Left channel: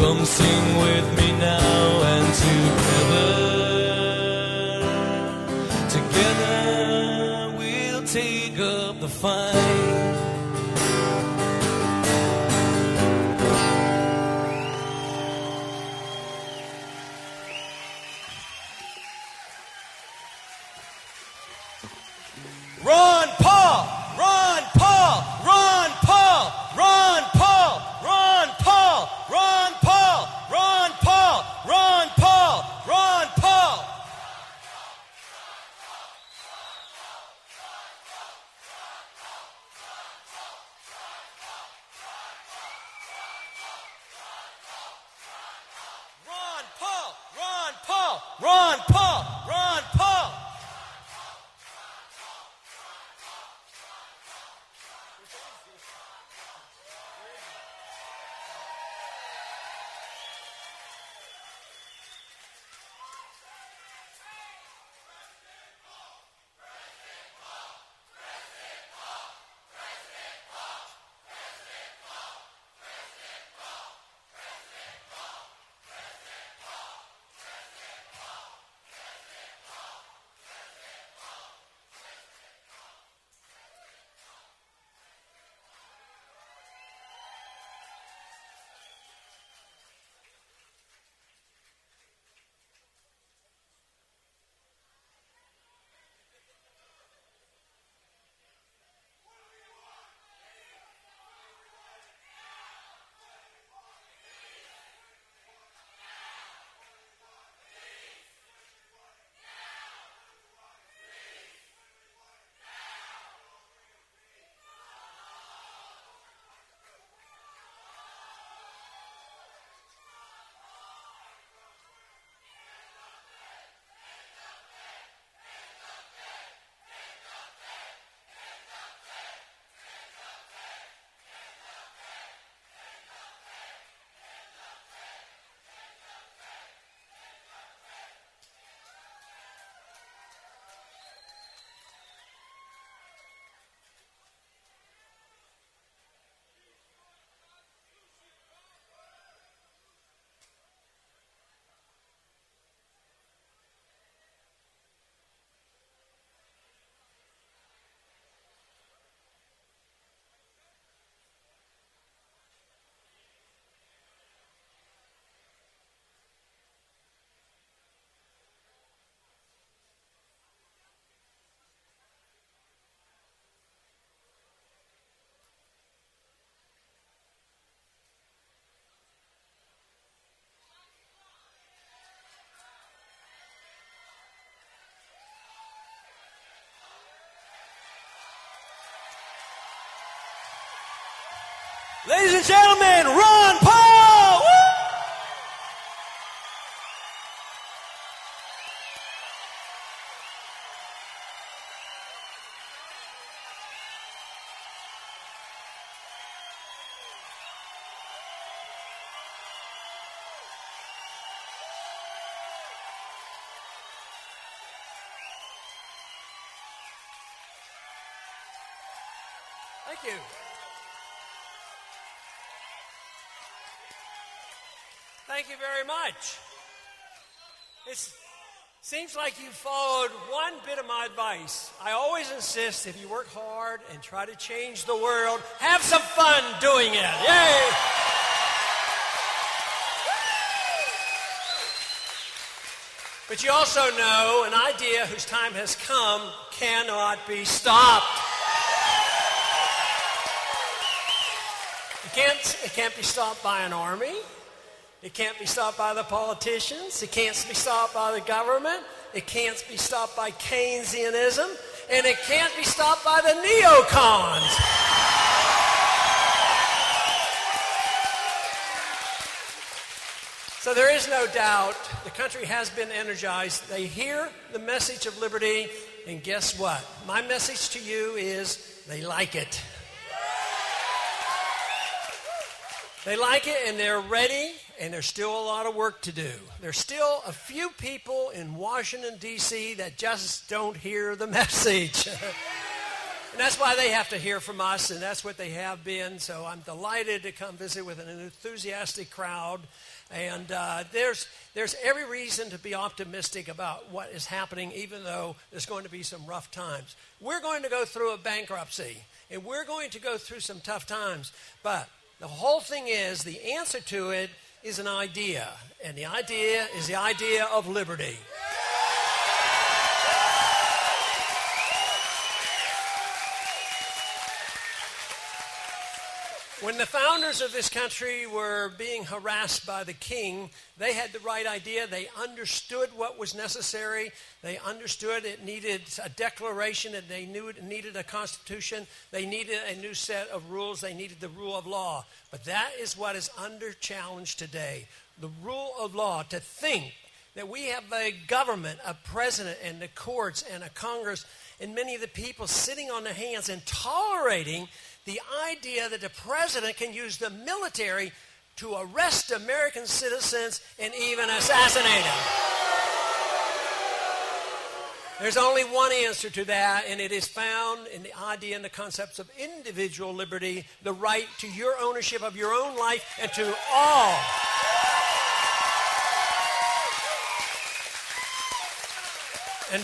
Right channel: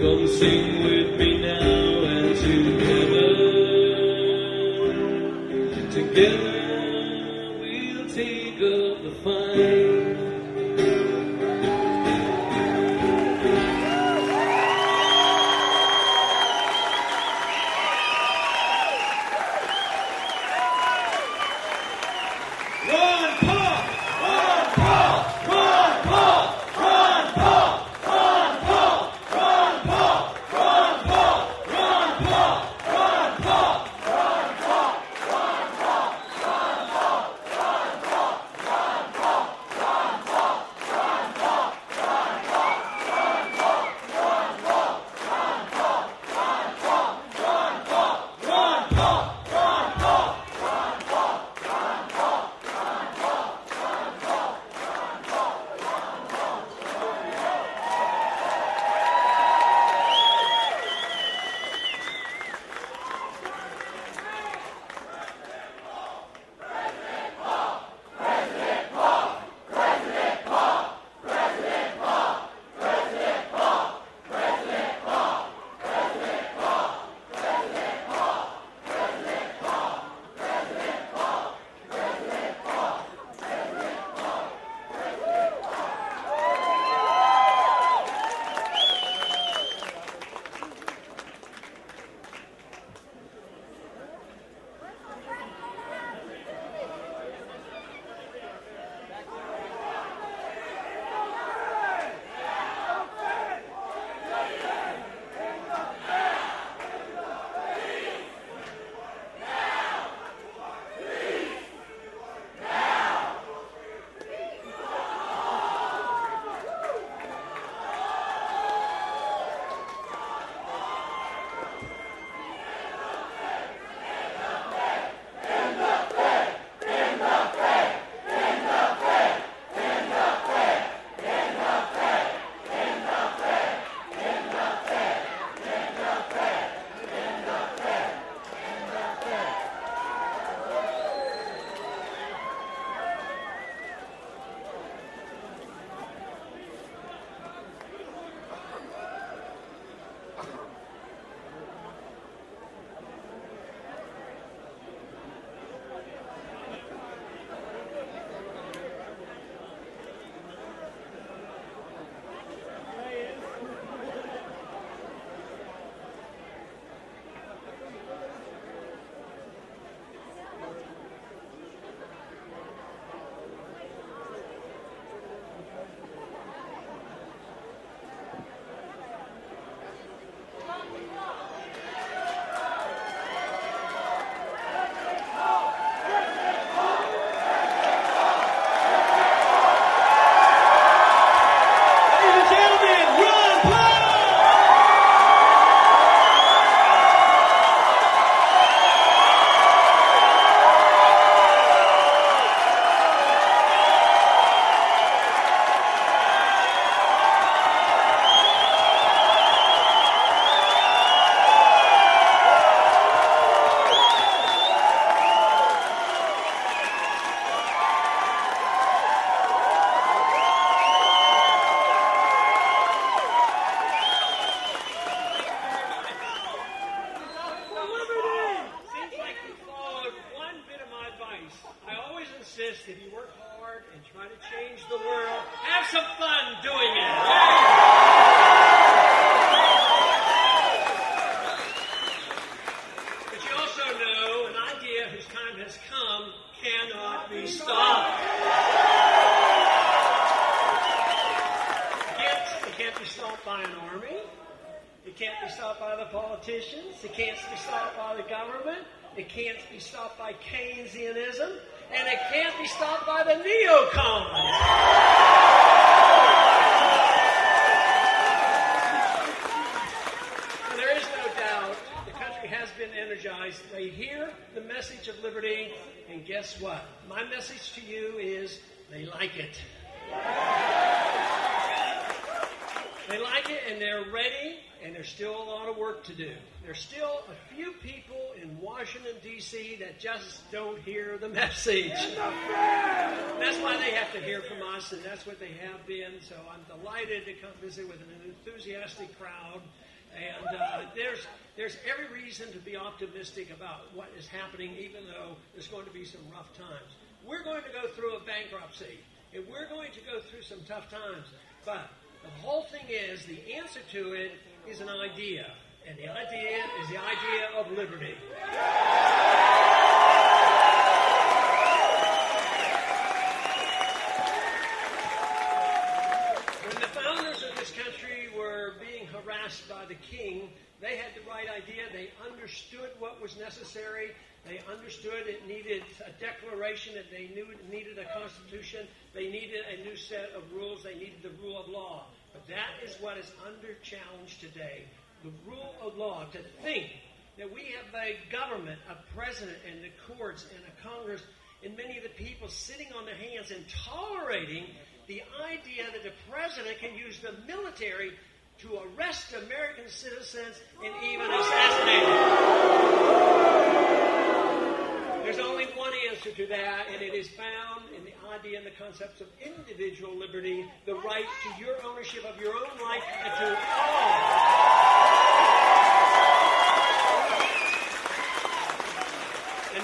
Come sing with me now and together we'll take up the fight. Run, Paul! Run, Paul! Run, Paul! Run, Paul! Run, Paul! Run, Paul! Run, Paul! Run, Paul! Run, Paul! Run, Paul! Run, Paul! Ladies and gentlemen, Ron Paul! Thank you very much. Seems like you followed one bit of my advice. I always insist if you work hard and try to change the world, have some fun doing it. Yay! But you also know an idea whose time has come cannot be stopped. It can't be stopped by an army. It can't be stopped by the politicians. It can't be stopped by the government. It can't be stopped by Keynesianism. And it can't be stopped by the neocons. So there is no doubt the country has been energized. They hear the message of liberty, and guess what? My message to you is they like it. They like it, and they're ready, and there's still a lot of work to do. There's still a few people in Washington, D.C. that just don't hear the message. That's why they have to hear from us, and that's what they have been. So I'm delighted to come visit with an enthusiastic crowd. And there's every reason to be optimistic about what is happening, even though there's going to be some rough times. We're going to go through a bankruptcy, and we're going to go through some tough times. But the whole thing is, the answer to it is an idea. And the idea is the idea of liberty. When the founders of this country were being harassed by the king, they had the right idea. They understood what was necessary. They understood it needed a declaration, that they knew it needed a constitution. They needed a new set of rules. They needed the rule of law. But that is what is under challenge today. The rule of law, to think that we have a government, a president, and the courts, and a Congress, and many of the people sitting on their hands and tolerating the idea that the president can use the military to arrest American citizens and even assassinate them. There's only one answer to that, and it is found in the idea and the concepts of individual liberty, the right to your ownership of your own life, and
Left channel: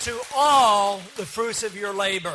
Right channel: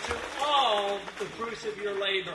to all the fruits of your labor.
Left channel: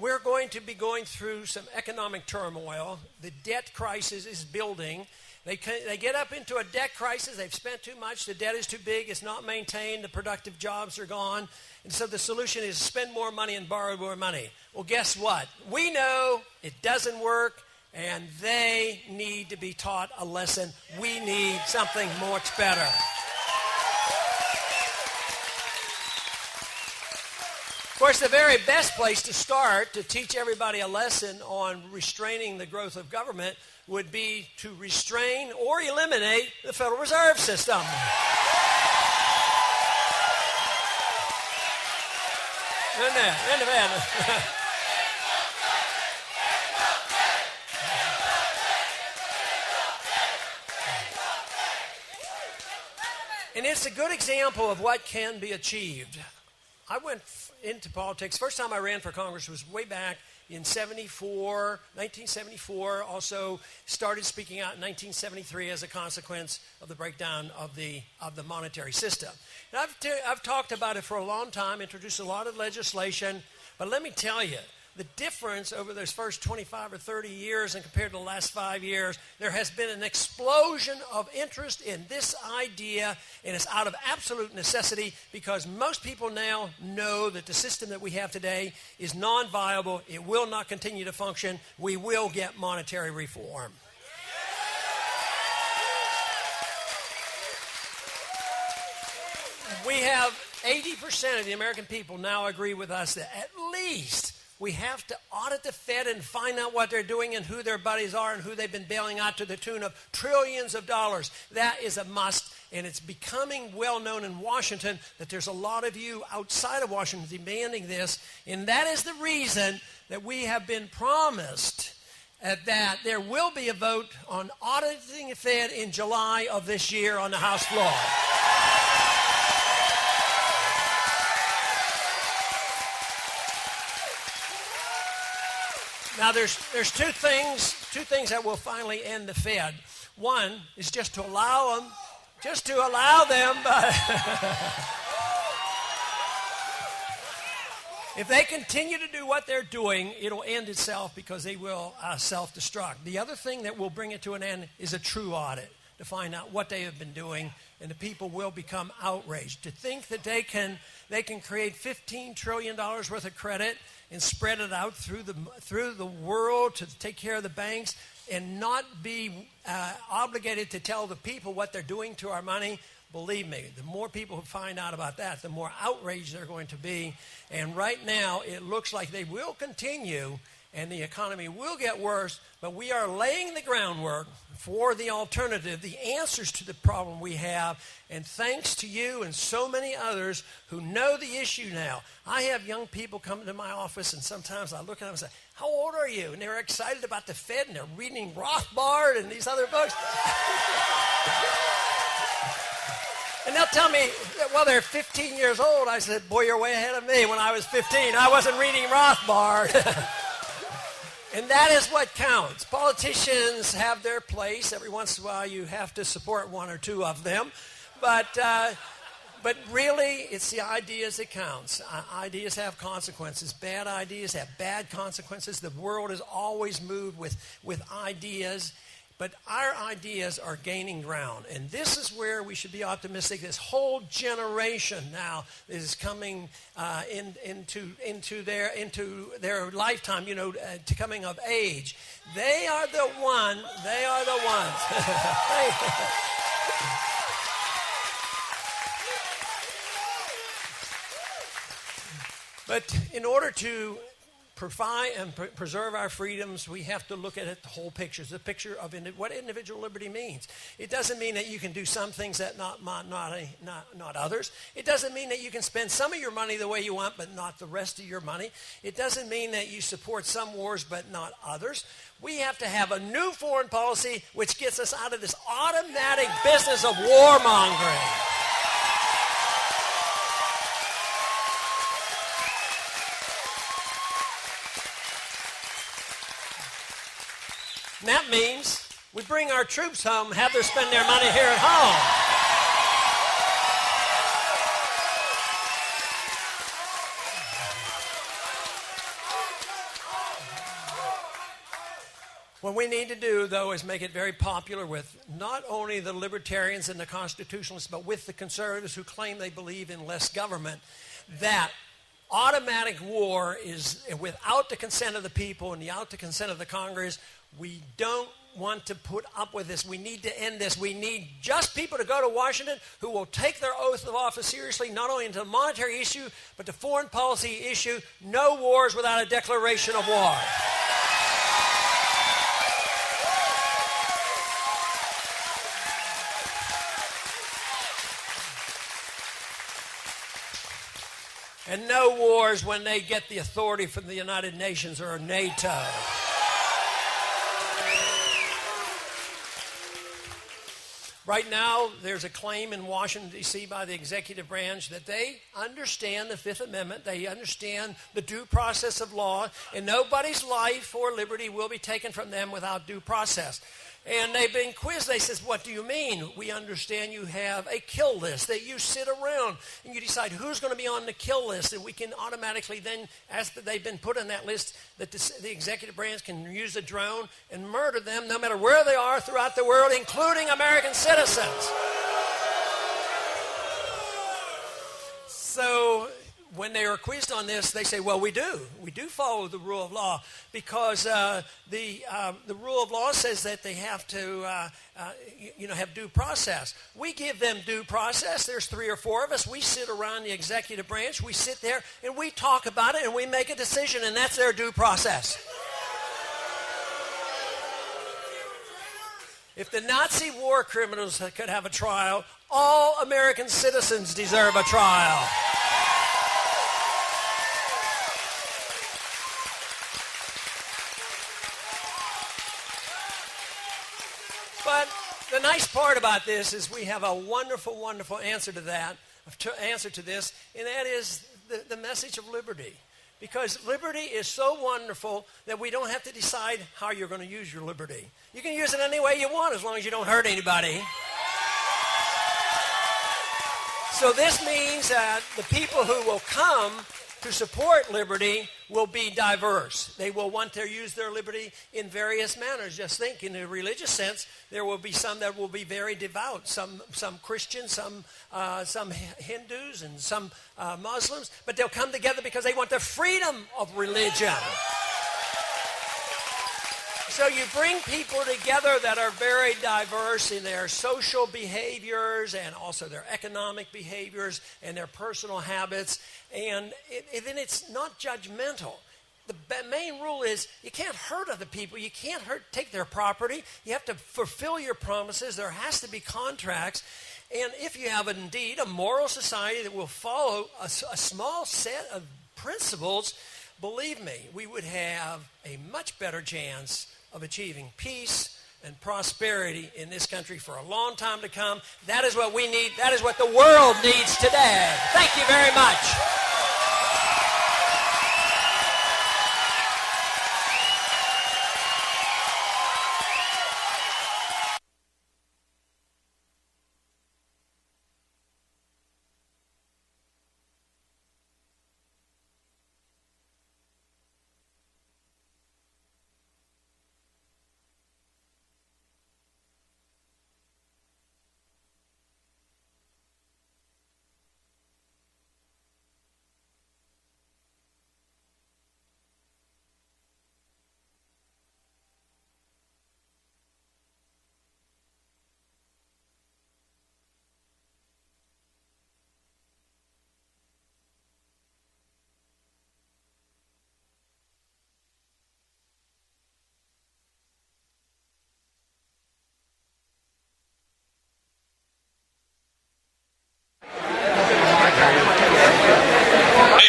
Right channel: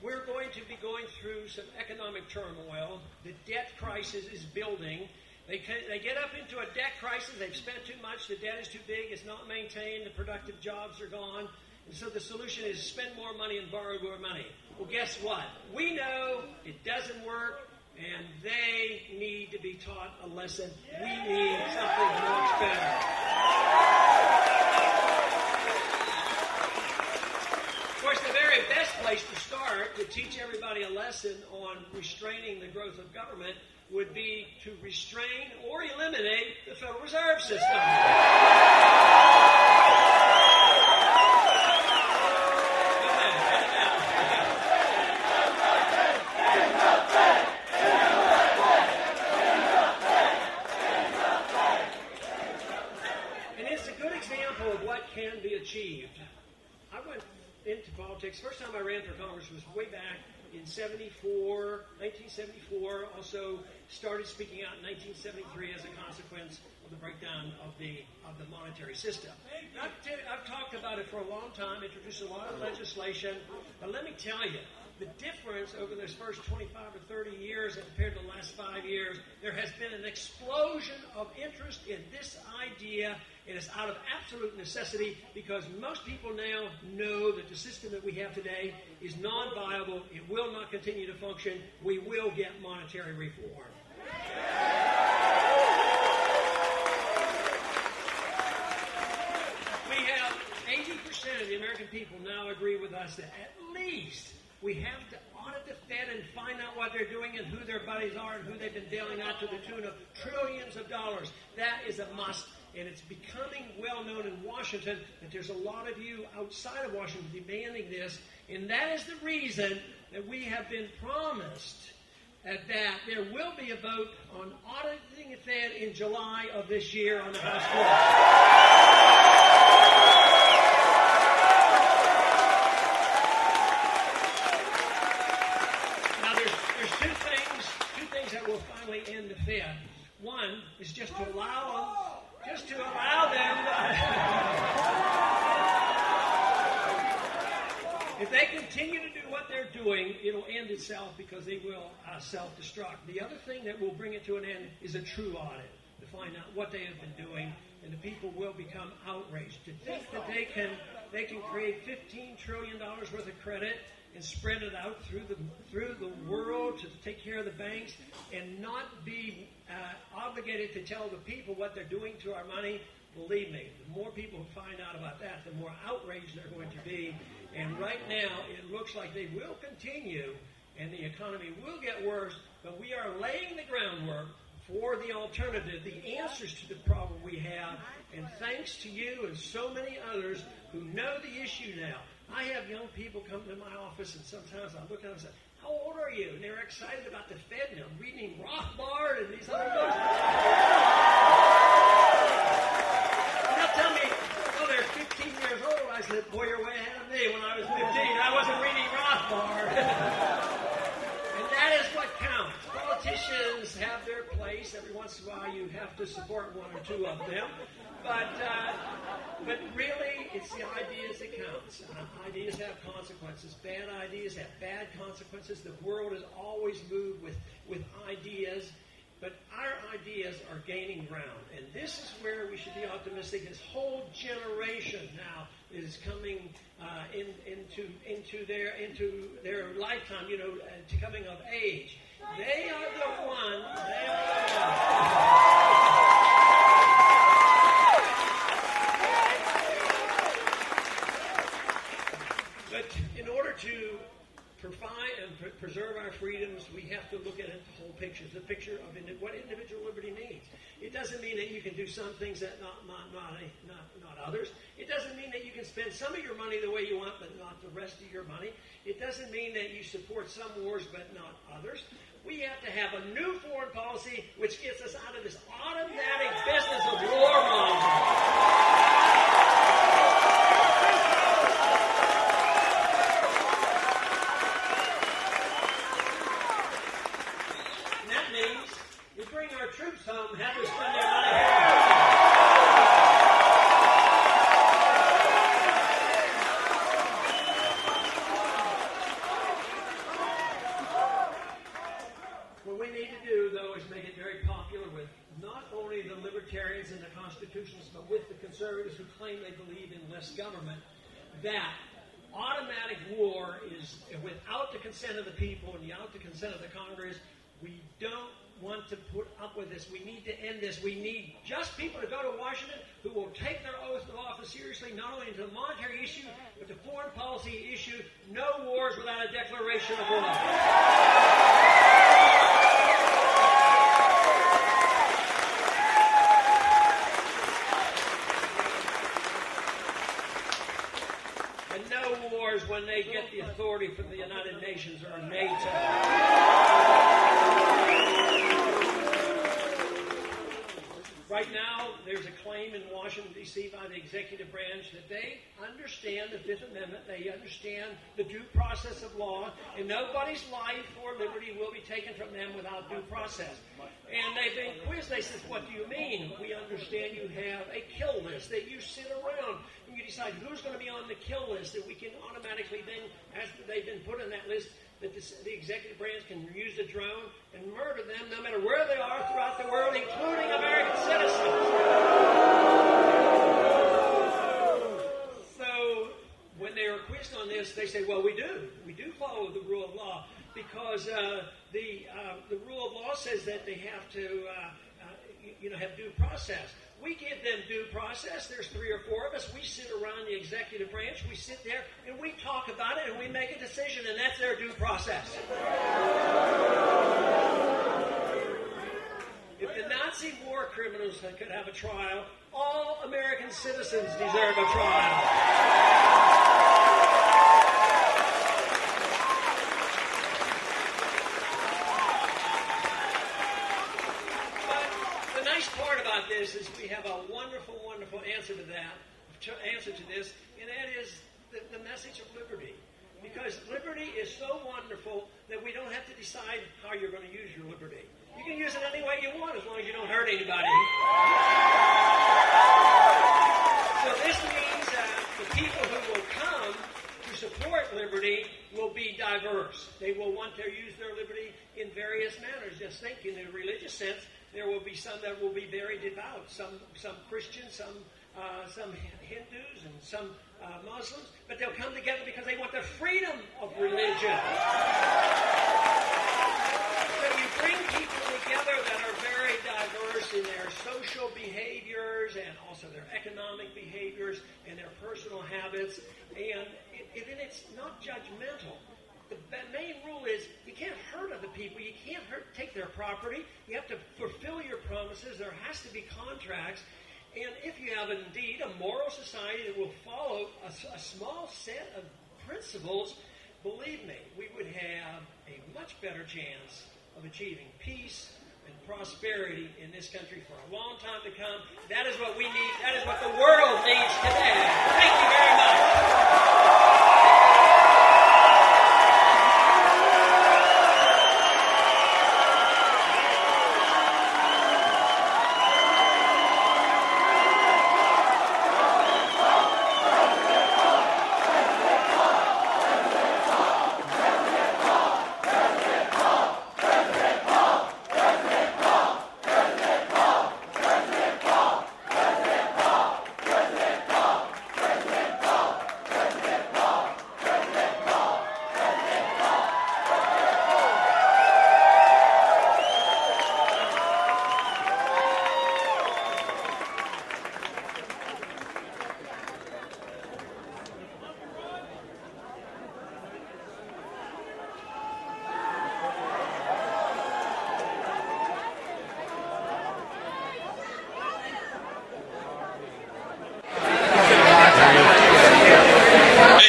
We're going to be going through some economic turmoil. The debt crisis is building. They get up into a debt crisis. They've spent too much. The debt is too big. It's not maintained. The productive jobs are gone. And so the solution is spend more money and borrow more money. Well, guess what? We know it doesn't work, and they need to be taught a lesson. We need something much better. Of course, the very best place to start to teach everybody a lesson on restraining the growth of government would be to restrain or eliminate the Federal Reserve System. And it's a good example of what can be achieved. I went into politics. First time I ran for Congress was way back in 1974. Also started speaking out in 1973 as a consequence of the breakdown of the monetary system. And I've talked about it for a long time, introduced a lot of legislation, but let me tell you, the difference over those first 25 or 30 years and compared to the last 5 years, there has been an explosion of interest in this idea, and it's out of absolute necessity because most people now know that the system that we have today is non-viable. It will not continue to function. We will get monetary reform. We have 80% of the American people now agree with us that at least we have to audit the Fed and find out what they're doing and who their buddies are and who they've been bailing out to the tune of trillions of dollars. That is a must, and it's becoming well known in Washington that there's a lot of you outside of Washington demanding this, and that is the reason that we have been promised that there will be a vote on auditing the Fed in July of this year on the House floor. Now, there's two things that will finally end the Fed. One is just to allow them. If they continue to do what they're doing, it'll end itself because they will self-destruct. The other thing that will bring it to an end is a true audit to find out what they have been doing, and the people will become outraged. To think that they can create $15 trillion worth of credit and spread it out through the world to take care of the banks and not be obligated to tell the people what they're doing to our money, believe me, the more people who find out about that, the more outraged they're going to be. And right now, it looks like they will continue and the economy will get worse, but we are laying the groundwork for the alternative, the answers to the problem we have, and thanks to you and so many others who know the issue now. I have young people come to my office, and sometimes I look at them and say, "How old are you?" And they're excited about the Fed, and they're reading Rothbard and these other books. And they'll tell me, well, they're 15 years old. I said, boy, you're way ahead of me. When I was 15, I wasn't reading Rothbard. And that is what counts. Politicians have their place. Every once in a while, you have to support one or two of them. But really, it's the ideas that counts. Ideas have consequences. Bad ideas have bad consequences. The world is always moved with ideas. But our ideas are gaining ground. And this is where we should be optimistic. This whole generation now is coming into their lifetime, to coming of age. They are the ones. But in order to provide and preserve our freedoms, we have to look at it, the whole picture. It's a picture of what individual liberty means. It doesn't mean that you can do some things that not others. It doesn't mean that you can spend some of your money the way you want, but not the rest of your money. It doesn't mean that you support some wars, but not others. We have to have a new foreign policy which gets us out of this automatic business of warmongering. And that means we bring our troops home and have them spend their money here at home. What we need to do, though, is make it very popular with not only the libertarians and the constitutionalists, but with the conservatives who claim they believe in less government, that automatic war is, without the consent of the people and without the consent of the Congress, we don't want to put up with this. We need to end this. We need just people to go to Washington who will take their oath of office seriously, not only into the monetary issue, but the foreign policy issue. No wars without a declaration of war. And no wars when they get the authority from the United Nations or NATO. Right now, there's a claim in Washington, D.C. by the executive branch that they understand the Fifth Amendment, they understand the due process of law, and nobody's life or liberty will be taken from them without due process. And they've been quizzed. They says, what do you mean? We understand you have a kill list, that you sit around and you decide who's going to be on the kill list, and we can automatically then, as they've been put on that list, that the executive branch can use a drone and murder them no matter where they are throughout the world, including American citizens. So when they are quizzed on this, they say, well, we do follow the rule of law, because the rule of law says that they have to have due process. We give them due process. There's 3 or 4 of us. We sit around the executive branch. We sit there and we talk about it and we make a decision, and that's their due process. If the Nazi war criminals could have a trial, all American citizens deserve a trial. The nice part about this is we have a wonderful, wonderful answer to this, and that is the message of liberty. Because liberty is so wonderful that we don't have to decide how you're going to use your liberty. You can use it any way you want as long as you don't hurt anybody. So this means that the people who will come to support liberty will be diverse. They will want to use their liberty in various manners. Just think, in a religious sense, there will be some that will be very devout, some Christians, some Hindus, and some Muslims, but they'll come together because they want the freedom of religion. So you bring people together that are very diverse in their social behaviors and also their economic behaviors and their personal habits, and then it's not judgmental. The main rule is you can't hurt other people. You can't take their property. You have to fulfill your promises. There has to be contracts. And if you have indeed a moral society that will follow a small set of principles, believe me, we would have a much better chance of achieving peace and prosperity in this country for a long time to come. That is what we need. That is what the world needs today. Thank you very much.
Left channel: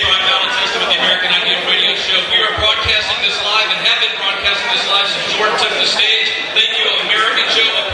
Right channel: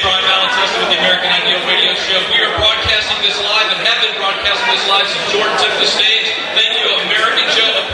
Bryan Malasesta with the American Radio Show. We are broadcasting this live and have been broadcasting this live since Jordan took the stage. Thank you, American Joe Apparel.